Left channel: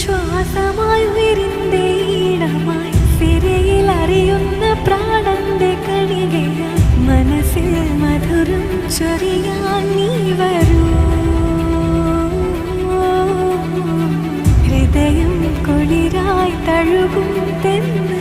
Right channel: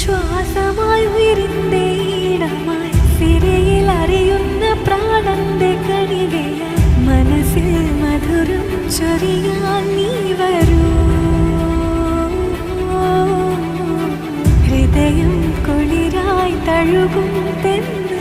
ശ്വാസമായി ഉയരിന്റെ ഈണമായി സിരയിൽ അറിയുന്ന പ്രാണന്റെ കണികയായി മനസ്സിൽ മധുരം ചൊരിയാൻ നീ വരൂ. ഹൃദയം കുളിരായി തഴുകും തെന്ന്